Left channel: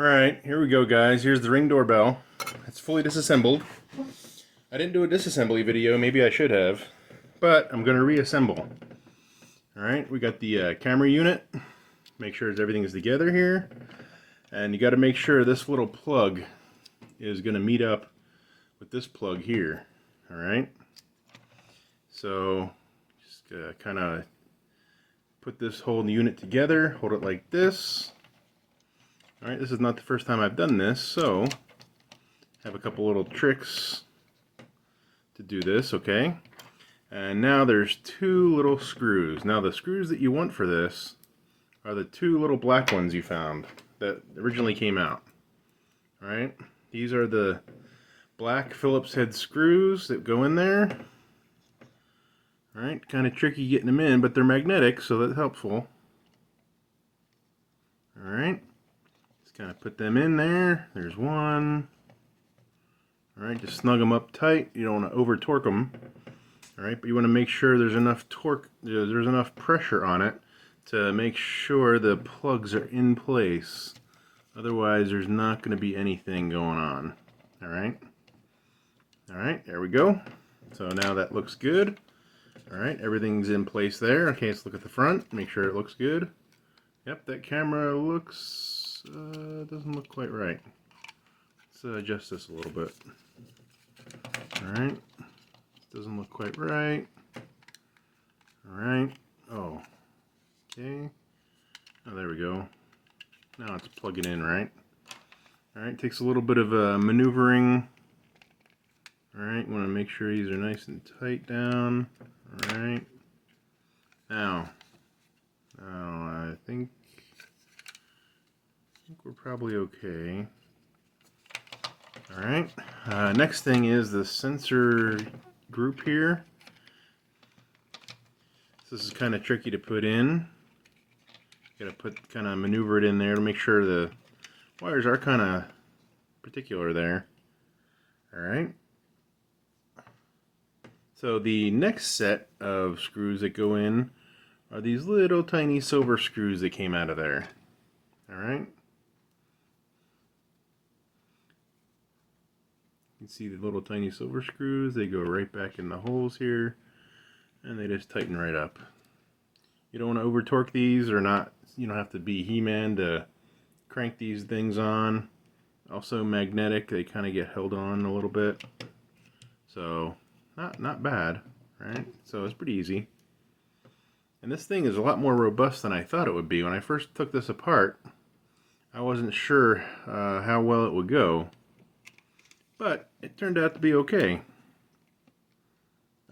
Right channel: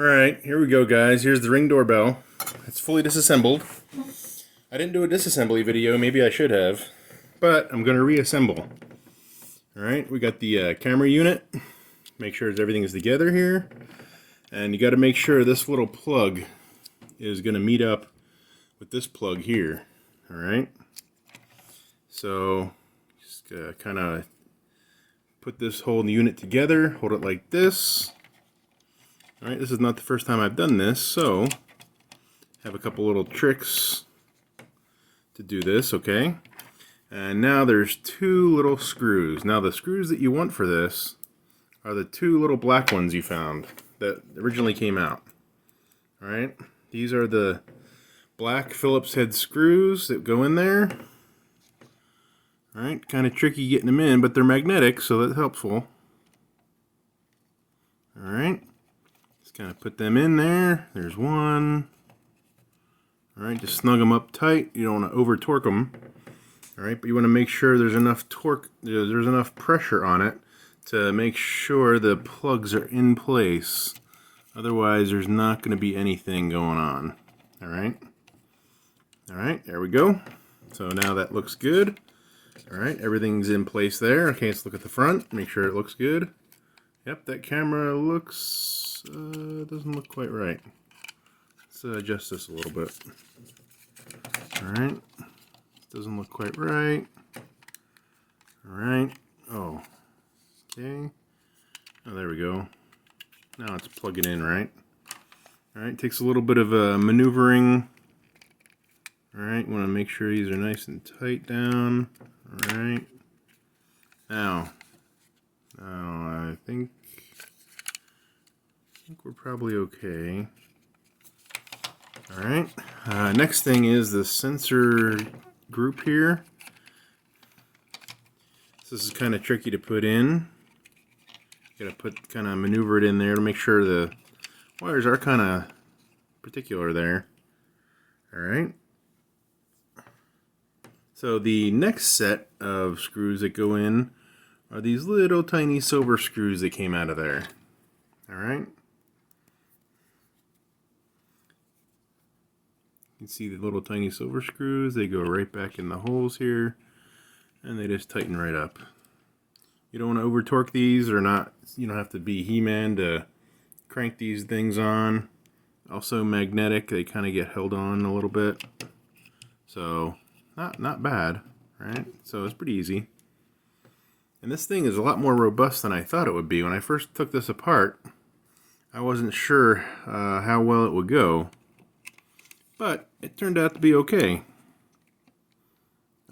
Alright, here we go guys. Here's the Ring doorbell. It's fully disassembled. I didn't do a disassembly video, maybe I should have, but I'm going to reassemble. Alright, we got the camera unit. Make sure everything is together here. And you got to make sure this little plug is going to meet up with this plug here. Alright, so just kind of put this whole unit together, hold it like this. Alright, this is not the first time I've done this, so have a couple little tricks to do this, okay? And now there's two little screws. Now the screws that you want for this are the two little black ones you found that originally came out. Alright, these are the black Phillips head screws that go in there. Alright, kind of tricky getting them in, but they're magnetic, so that's helpful. Alright. Kind of put them in there. There's one. Alright, just snug them up tight. You don't want to over torque them. Alright, but you want to make sure there's enough torque, there's enough pressure on it to make sure the plugs are in place. Otherwise, there's not going to be anything going on. Alright. Alright, there we go. So now that looks good. Alright, everything's in place there. Okay, let's look at the front. Make sure it looks good. Yep, that camera looks... doesn't look quite right. Let's adjust this a little bit. Alright. Doesn't look quite right. Alright. Oh. Okay. Oh, there we go. Now it's plugging in, right? Alright, takes a little bit of maneuvering. Alright, want to make sure these are nice and tight down. Alright. Now, I think we're probably okay. Alright, next thing is the sensor group here. This is kind of tricky to put in. Gotta kind of maneuver it in there to make sure the wires are kind of particular there. Alright. So the next set of screws that go in are these little tiny silver screws that came out of there. Alright. You can see the little tiny silver screws. They go right back in the holes here, and they just tighten right up. You don't want to over torque these, or not. You don't have to be He-Man to crank these things on. Also magnetic. They kind of get held on a little bit. So not bad, right? So it's pretty easy. And this thing is a lot more robust than I thought it would be. When I first took this apart, I wasn't sure how well it would go. But it turned out to be okay.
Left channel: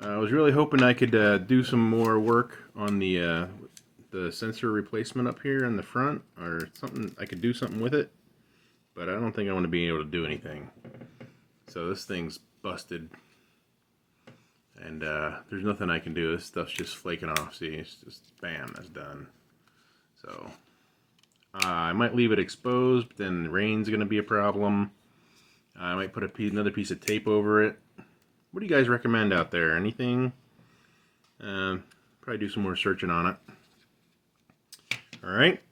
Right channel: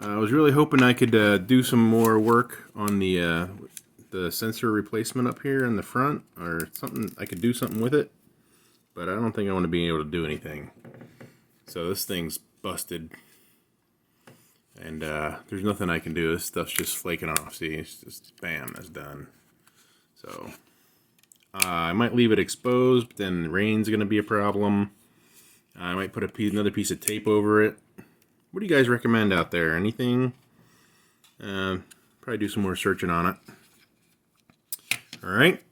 I was really hoping I could do some more work on the sensor replacement up here in the front, or something. I could do something with it, but I don't think I want to be able to do anything. So this thing's busted, and there's nothing I can do. This stuff's just flaking off. See, it's just bam, that's done. So I might leave it exposed, but then the rain's going to be a problem. I might put another piece of tape over it. What do you guys recommend out there? Anything? Probably do some more searching on it. Alright,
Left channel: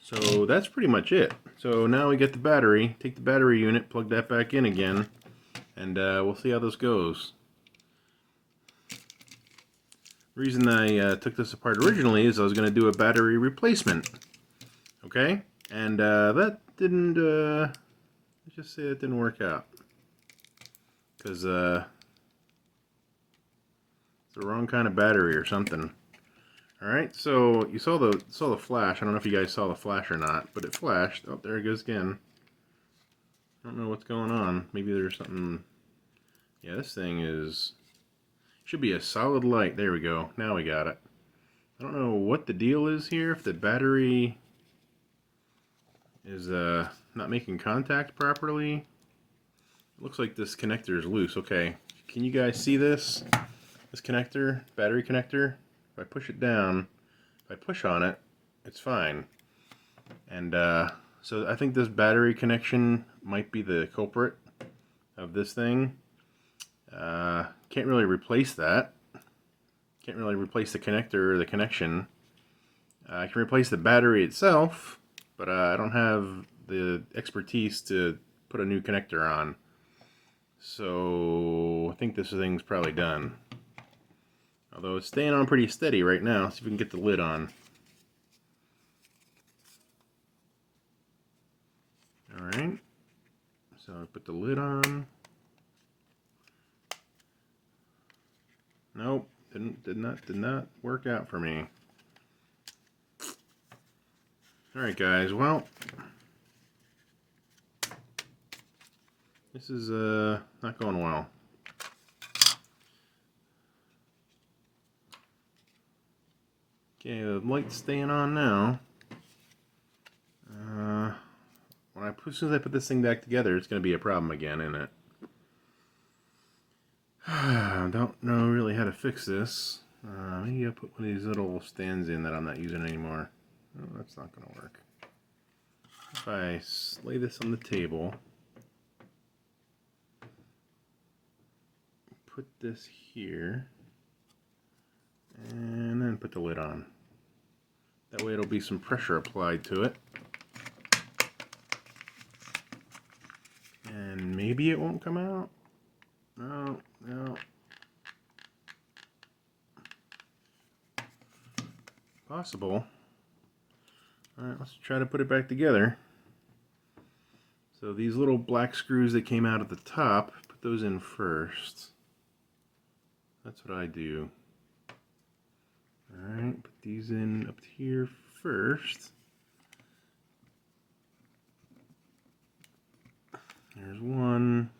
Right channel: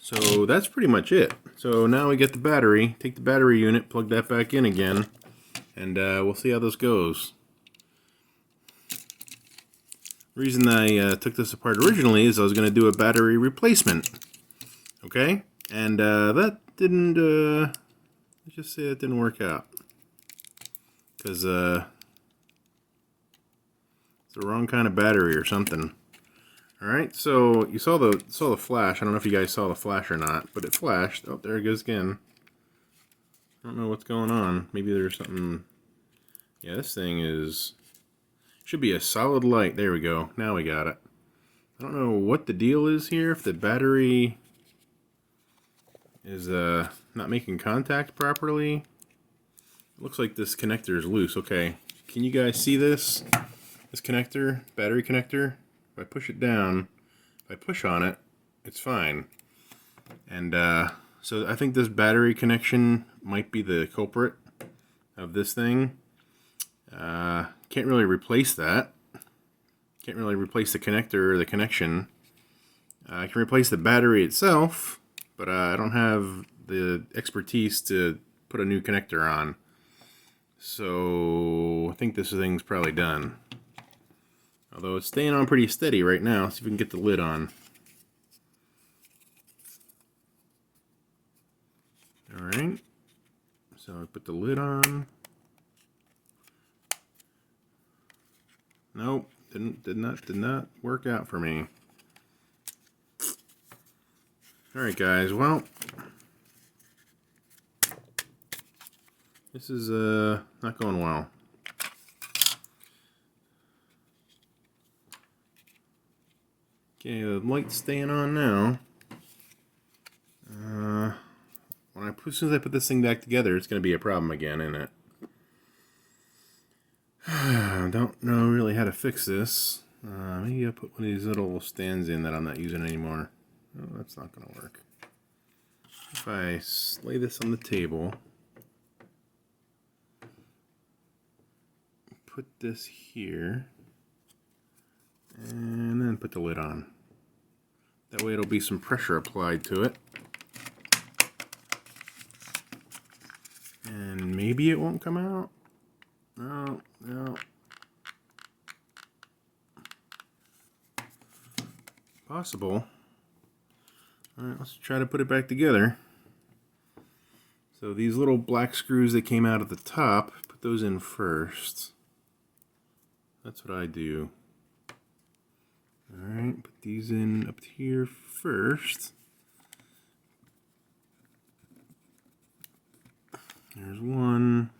so that's pretty much it. So now we get the battery. Take the battery unit, plug that back in again, and we'll see how this goes. The reason I took this apart originally is I was going to do a battery replacement. Okay? And that didn't... let's just say it didn't work out, because it's the wrong kind of battery or something. All right, so you saw the flash. I don't know if you guys saw the flash or not, but it flashed. Oh, there it goes again. I don't know what's going on. Maybe there's something. Yeah, this thing should be a solid light. There we go. Now we got it. I don't know what the deal is here. If the battery is not making contact properly. Looks like this connector is loose. Okay, can you guys see this? This connector, battery connector. If I push it down, if I push on it, it's fine. And so I think this battery connection might be the culprit of this thing. Can't really replace that. Can't really replace the connector or the connection. I can replace the battery itself, but I don't have the expertise to put a new connector on. So I think this thing's probably done. Although it's staying on pretty steady right now. See if we can get the lid on. Alright. So I put the lid on. Nope. Did not work out for me. Alright guys, well, this is not going well. Okay, the light's staying on now. As soon as I put this thing back together, it's going to be a problem again, isn't it? I don't know really how to fix this. Maybe I'll put one of these little stands in that I'm not using anymore. Oh, that's not going to work. If I lay this on the table, put this here, and then put the lid on. That way it'll be some pressure applied to it. And maybe it won't come out. No. Possible. Alright, let's try to put it back together. So these little black screws that came out at the top, put those in first. That's what I do. Alright, put these in up here first. There's one.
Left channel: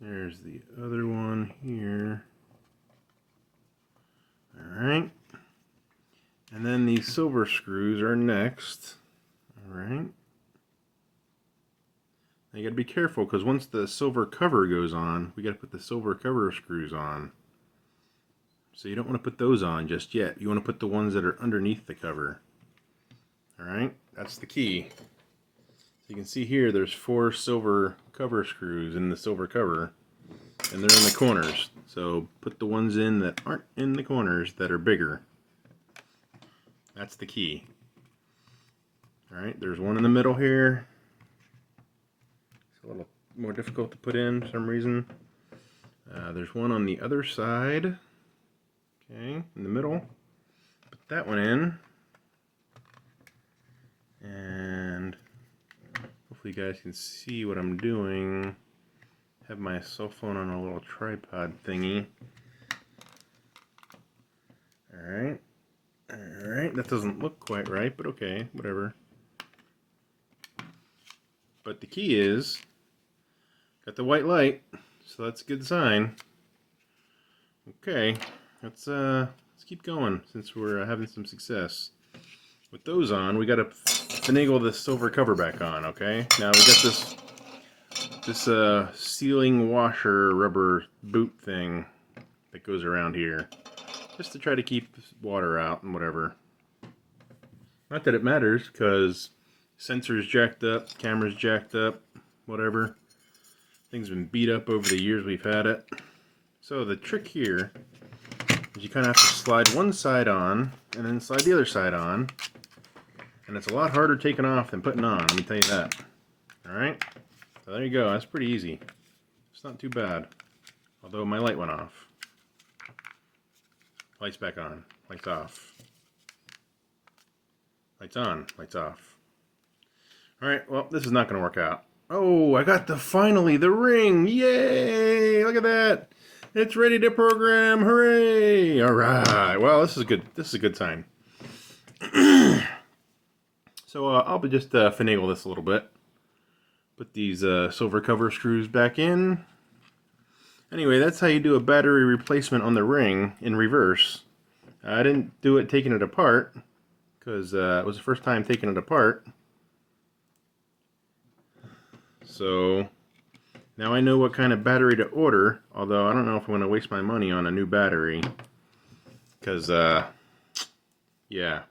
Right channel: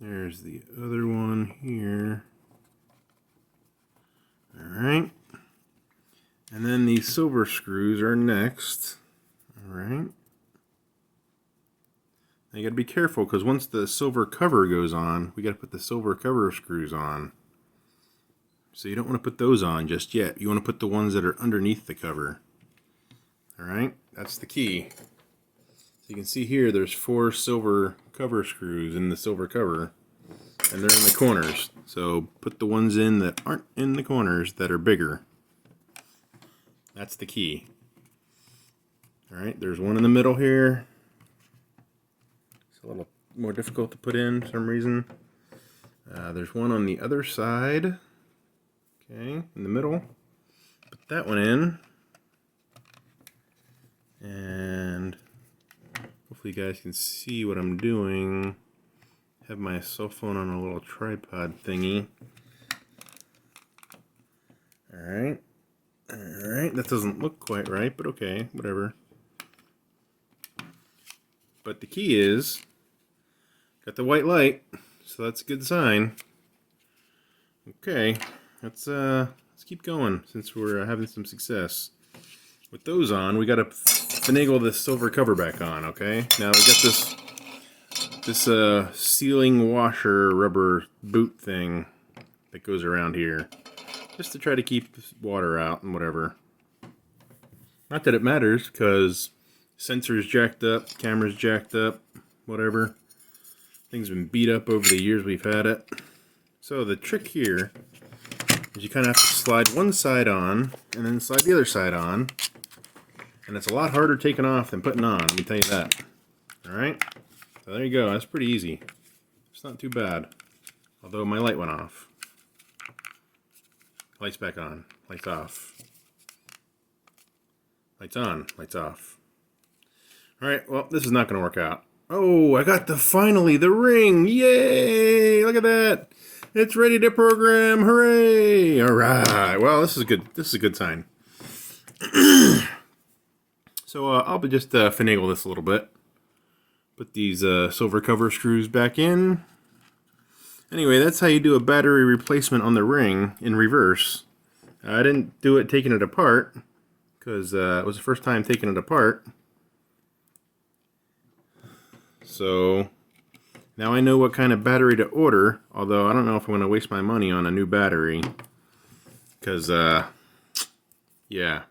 There's the other one here. Alright. And then these silver screws are next. Alright. Now you gotta be careful because once the silver cover goes on, we gotta put the silver cover screws on. So you don't want to put those on just yet. You want to put the ones that are underneath the cover. Alright, that's the key. You can see here there's 4 silver cover screws in the silver cover, and they're in the corners. So put the ones in that aren't in the corners that are bigger. That's the key. Alright, there's one in the middle here. It's a little more difficult to put in for some reason. There's one on the other side. Okay, in the middle. Put that one in. And hopefully you guys can see what I'm doing. Have my cell phone on a little tripod thingy. Alright. Alright, that doesn't look quite right, but okay, whatever. But the key is, got the white light, so that's a good sign. Okay, let's keep going since we're having some success. With those on, we gotta finagle the silver cover back on, okay? Now we got this sealing washer rubber boot thing that goes around here, just to try to keep water out and whatever. Not that it matters, because sensor's jacked up, camera's jacked up, whatever. Thing's been beat up over the years we've had it. So the trick here is you kind of have to slide one side on, and then slide the other side on. And it's a lot harder taking off than putting on, let me tell you that. Alright? So there you go, that's pretty easy. It's not too bad. Although my light went off. Lights back on, lights off. Lights on, lights off. Alright, well, this is not going to work out. Oh, I got finally the ring! Yay! Look at that! It's ready to program! Hooray! Alright, well, this is a good sign. So I'll just finagle this a little bit. Put these silver cover screws back in. Anyway, that's how you do a battery replacement on the ring in reverse. I didn't do it taking it apart, because it was the first time taking it apart. So now I know what kind of battery to order, although I don't know if I'm going to waste my money on a new battery, because yeah,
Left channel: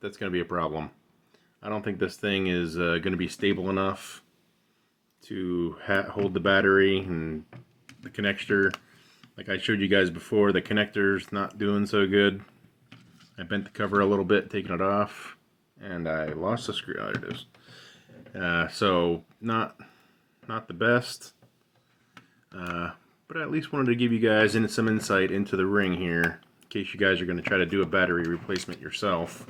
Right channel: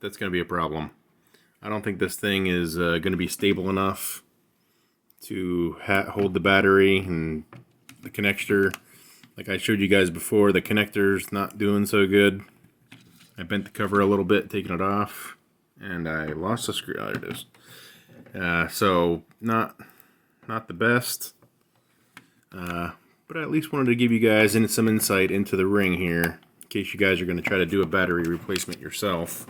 that's going to be a problem. I don't think this thing is going to be stable enough to hold the battery, and the connector, like I showed you guys before, the connector's not doing so good. I bent the cover a little bit, taking it off, and I lost the screw. Oh, there it is. So not the best, but I at least wanted to give you guys some insight into the ring here, in case you guys are going to try to do a battery replacement yourself.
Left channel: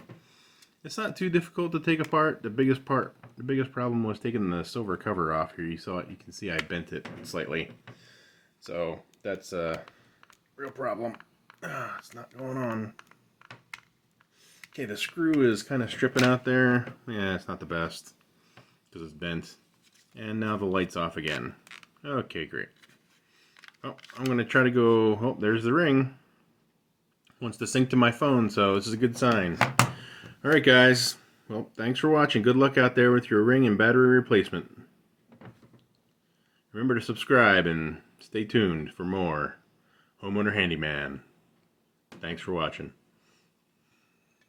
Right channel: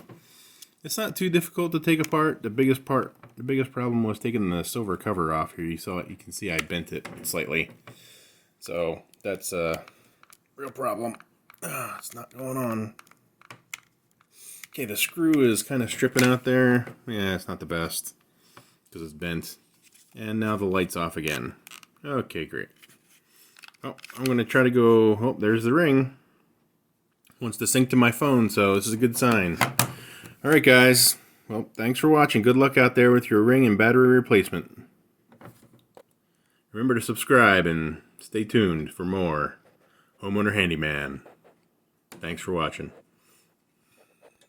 It's not too difficult to take apart. The biggest problem was taking the silver cover off here. You can see I bent it slightly. So that's a real problem. It's not going on. Okay, the screw is kind of stripping out there. Yeah, it's not the best because it's bent. And now the light's off again. Okay, great. Oh, I'm going to try to go... Oh, there's the ring. Wants to sync to my phone, so this is a good sign. Alright, guys. Well, thanks for watching. Good luck out there with your ring and battery replacement. Remember to subscribe and stay tuned for more Homeowner Handyman. Thanks for watching.